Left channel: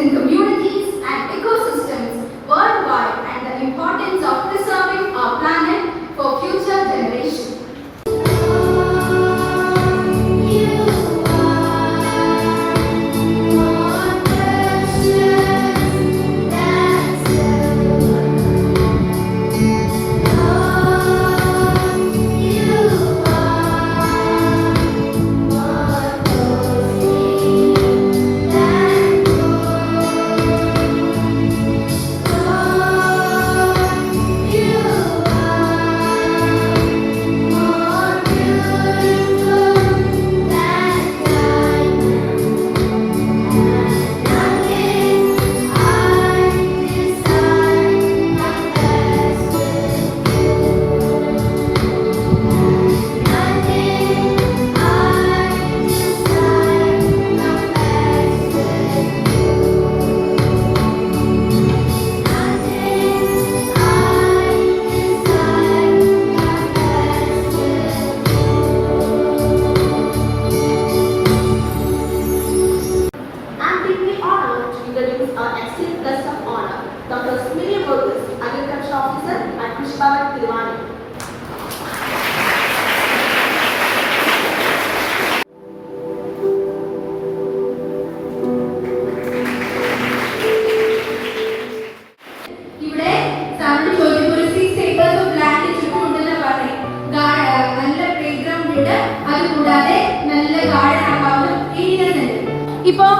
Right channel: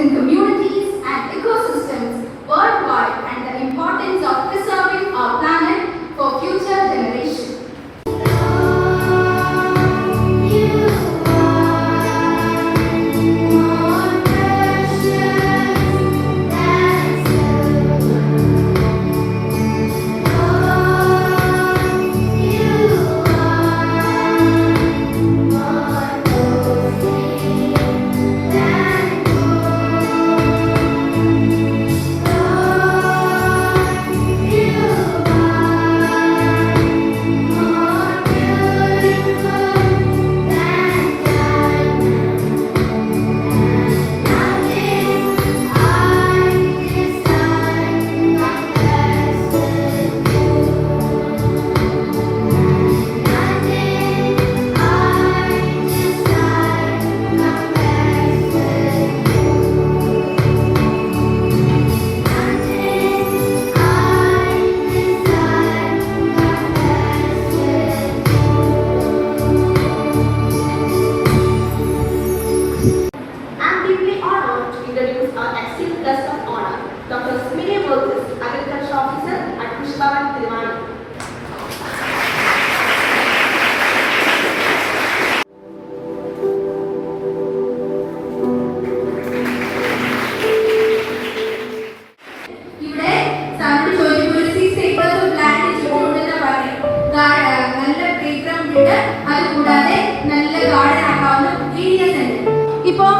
within communities and ecosystems worldwide and the importance of preserving our planet for future generations. അതുകൂടാതെ നല്ല ഗാർഡൻ ആക്കാവുന്ന ഏരിയാസ് ഉണ്ട്. ഇപ്പോൾ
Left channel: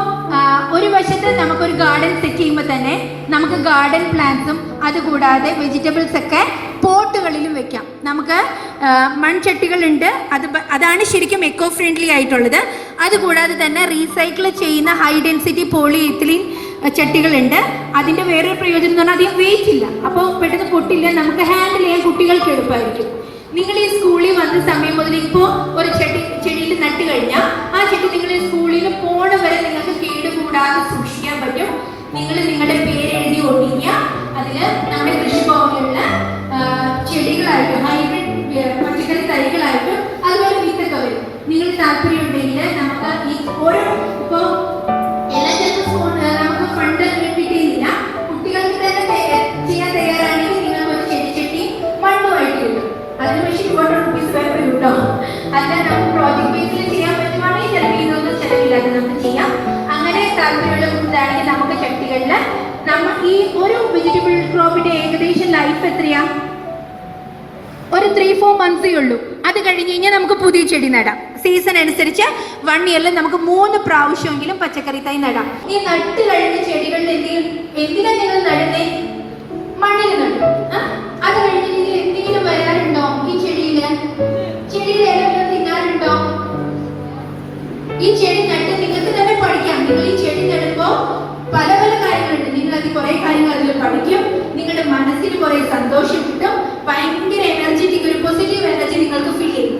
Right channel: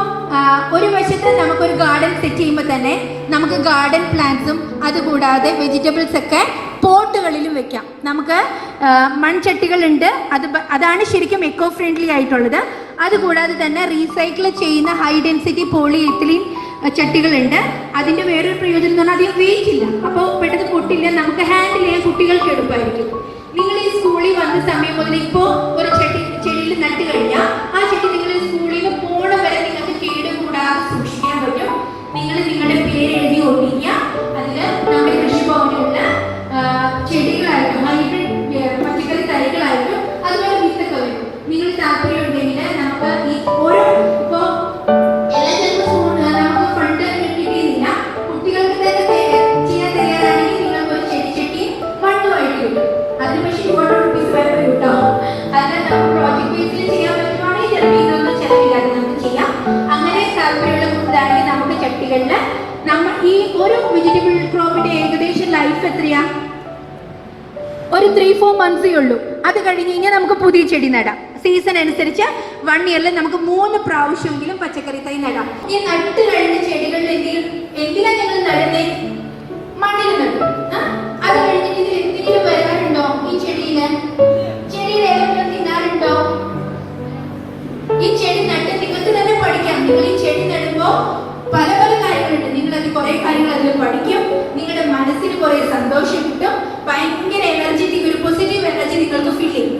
ഒരു വശത്ത് നമുക്കൊരു ഗാർഡൻ സെറ്റ് ചെയ്യുമ്പോൾ തന്നെ നമുക്ക് ഗാർഡൻ പ്ലാന്റ്സും അതുകൂടാതെ വെജിറ്റബിൾസ് ഒക്കെ പോട്ടുകളിലും വെക്കാം. നമുക്ക് മൺചട്ടികളുണ്ട്, അതാണ് ശരിക്കും എക്കോ ഫ്രണ്ട്ലി ആയിട്ടുള്ളത്. അതുകൂടാതെ തന്നെ റീസൈക്കിൾ ചെയ്യുന്ന ഹൈ ഡെൻസിറ്റി പോളിഎത്തിലീൻ ചട്ടികളുണ്ട്. അതിൻ്റെ വേറൊരു പ്രയോജനം എന്ന് പറഞ്ഞാൽ അധികം വെയിറ്റ് ഇല്ല, അപ്പോൾ പെട്ടെന്ന് പൊട്ടില്ല, നമുക്ക് ഹാൻഡിൽ ചെയ്യാൻ കുട്ടികൾക്ക് എളുപ്പമായിരിക്കും. നിങ്ങൾ ഈ സ്കൂളിൽ വന്ന സമയം മുതൽ ഇപ്പോൾ ഒരു ചെടിയിൽ നട്ട് കഴിഞ്ഞാൽ ആ ചെടി നിങ്ങൾ സ്കൂളിൽ പോണ വരെ നിങ്ങൾക്ക് കേടുകൂടാതെ സൂക്ഷിക്കാൻ പറ്റും. നിങ്ങൾ നിങ്ങളുടെ പേര് എഴുതി ഒട്ടിക്കുക. അതിൽ നമ്മുടെ കൃഷിഭവനിലുള്ള ചെടികളായിട്ടും ഹൈബ്രിഡ് പച്ചക്കറി തൈകളായിട്ടും അതുപോലെ വിത്തൊക്കെ വരും. നിങ്ങൾ താല്പര്യം ഉണ്ടെങ്കിൽ നമുക്ക് ഈ ഓരോ ഇപ്പോൾ നമുക്ക് ഫണ്ട് കിട്ടിയില്ല, കുട്ടികൾക്ക് തന്നെ ചെയ്യാൻ തയ്യാറാണെങ്കിൽ നിങ്ങൾക്ക് ഒരു ചെടിച്ചട്ടിയും മണ്ണുമായിട്ട് കിട്ടും. അതിന് പക്ഷേ 1 rupees പേപ്പർ കിട്ടോ. അല്ല നമുക്ക് പ്രോജക്ട് ബേസിൽ ചെയ്യാൻ പറ്റുവാണെങ്കിൽ ചിലപ്പോൾ ഇതൊന്നും ചിലവില്ലാതെ നമുക്ക് ചെയ്യാം. അങ്ങനെ താല്പര്യമുള്ള കുട്ടികളാണെങ്കിൽ നമുക്ക് ചട്ടികളിൽ നമ്മൾ ഈ ഒരു വെജിറ്റബിൾ ക്രോപ്പിന്റെ ഏകദേശം ലൈഫ് എത്രയാ? ഒരു 3-4 months ഉള്ളൂ. അത് കഴിഞ്ഞ് കഴിഞ്ഞാൽ നമുക്ക് പുതിയ ചെടി നടാം. സീസൺ അനുസരിച്ച് 1 yearൽ നമുക്ക് 3 പ്രാവശ്യമെങ്കിലും പച്ചക്കറി തൈ നടാം. ഈ നട്ട് കഴിഞ്ഞ ചെടികളിൽ എന്തിനാ നിങ്ങൾ നടുന്നേ? മണ്ണിൽ നടും. അത് കഴിഞ്ഞ് ഇതിൽ എന്തെങ്കിലും വരാറുണ്ടോ? ഈ ചെടിയിൽ ഏതെങ്കിലും തിന്നാറുണ്ടോ? ഈ ചെടി നട്ട് നിങ്ങൾക്ക് തന്നെ പഠിക്കാം. നിങ്ങൾ ഈ ചെടി നടുമ്പോൾ പല പല കാര്യങ്ങളുണ്ട്. നിങ്ങൾ അത് കുറെ കാര്യങ്ങൾ അതിൽ പഠിക്കും. നിങ്ങളുടെ മനസ്സിന് കുറെ സന്തോഷം കിട്ടും. ഭയങ്കര എനർജറ്റിക്, ഒരു പോസിറ്റീവ് എനർജി നിങ്ങൾക്ക് ഫീൽ ചെയ്യും.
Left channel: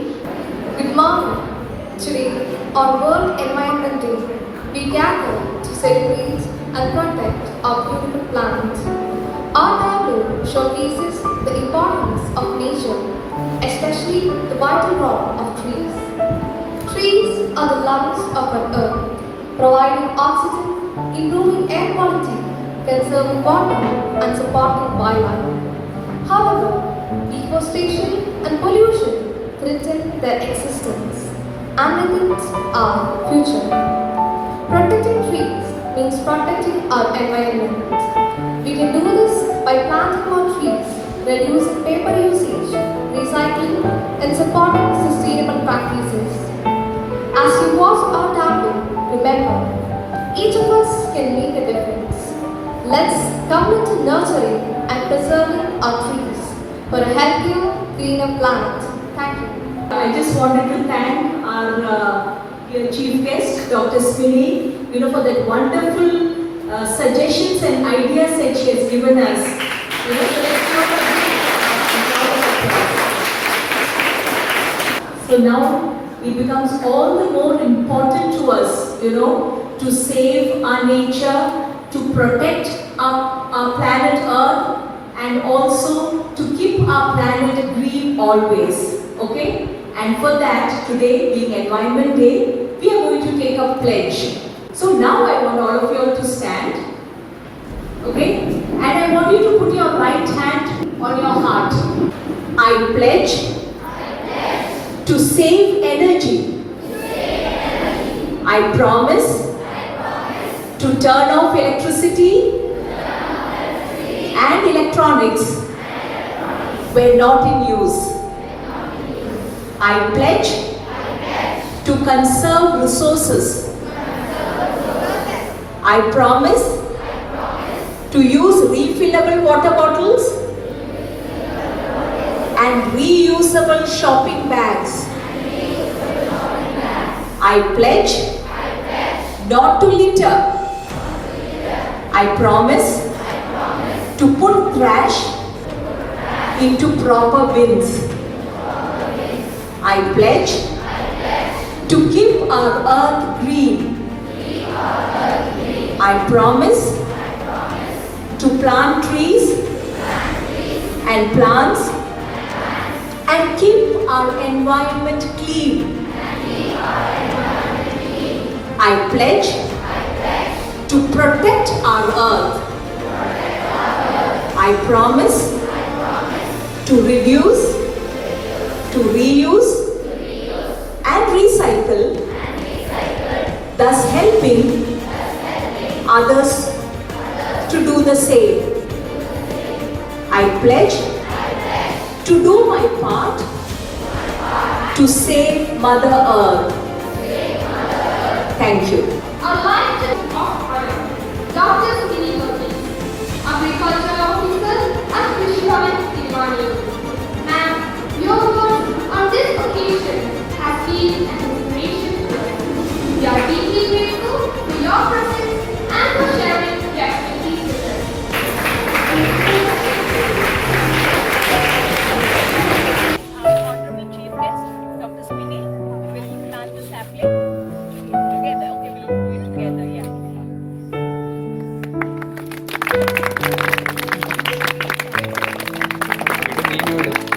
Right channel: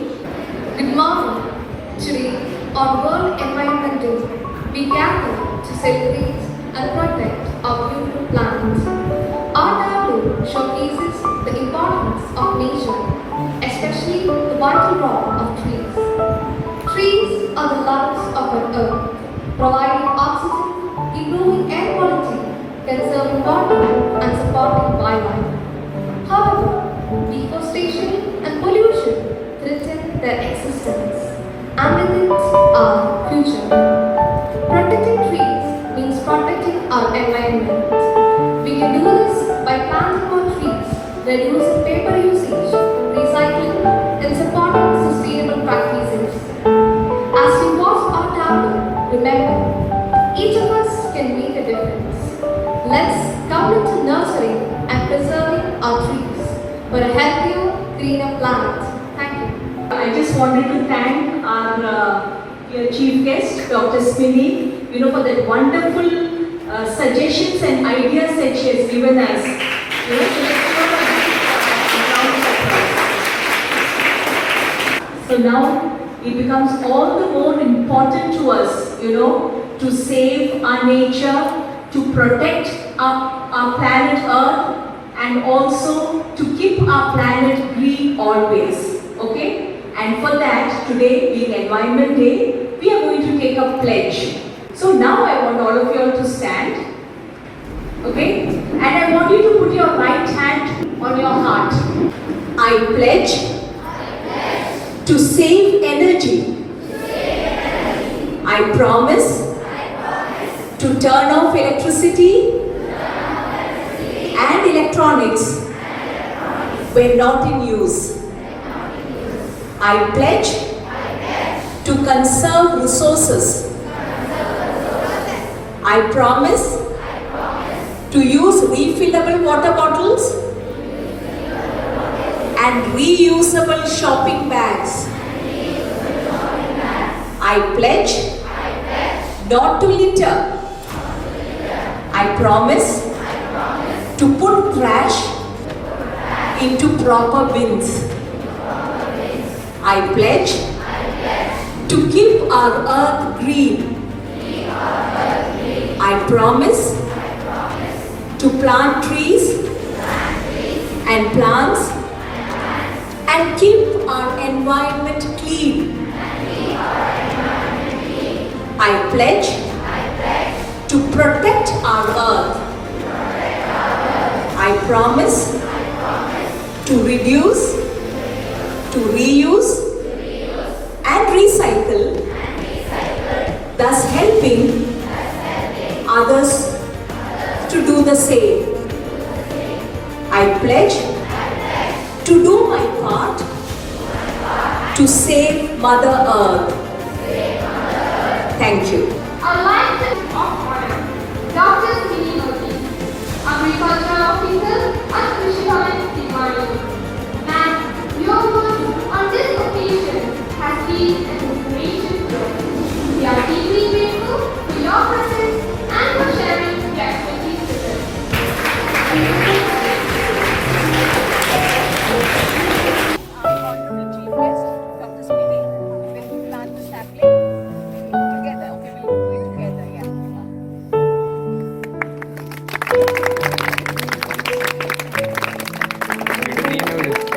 Good morning. Today, on World Environment Day, we gather to celebrate and protect our beautiful planet. Our tableau showcases the importance of nature, especially the vital role of trees. Trees are the lungs of our earth, providing oxygen, improving air quality, conserving water, and supporting wildlife. However, deforestation and pollution threaten their existence, and with it, our future. Protecting trees means protecting our environment. We can do this by planting more trees, reducing paper usage, recycling, and supporting sustainable practices. As we watch our tableau, remember, each of us can make a difference. Let's come into nurturing and preserving our trees for a healthier, greener planet. Thank you. I just wanted to thank our chief guest, Dr. Spinny, for that wonderful suggestions and ideas that she has given us. So now it becomes all the more important to us, to save our nature, to protect our planet Earth, and also to keep our planet green always. Okay? And for that, today being Environment Day, we are going to take a pledge. So now I want all of you all to stand. pledge to save energy. I promise to turn off electricity and electronics when not in use. I pledge to conserve resources. I promise to use refillable water bottles and reusable shopping bags. I pledge not to litter. I promise to put trash into proper bins. I pledge to keep our earth green. I promise to plant trees and plants and keep our environment clean. I pledge to protect our earth. I promise to reduce, to reuse and recycle, thus helping others to do the same. I pledge to do my part to save Mother Earth. Thank you. Our life is Dr. Sunil Modi, Agriculture Officer at Krishi Bhavan, Tilwani. Ma'am, your work on this occasion has been an inspiration to us. We are deeply grateful for your presence and for sharing your expertise with us. Our Honorable Chief Guest, Dr. Sweeney, will plant the sapling together. Okay, we'll do it together, yeah. വീട് നീ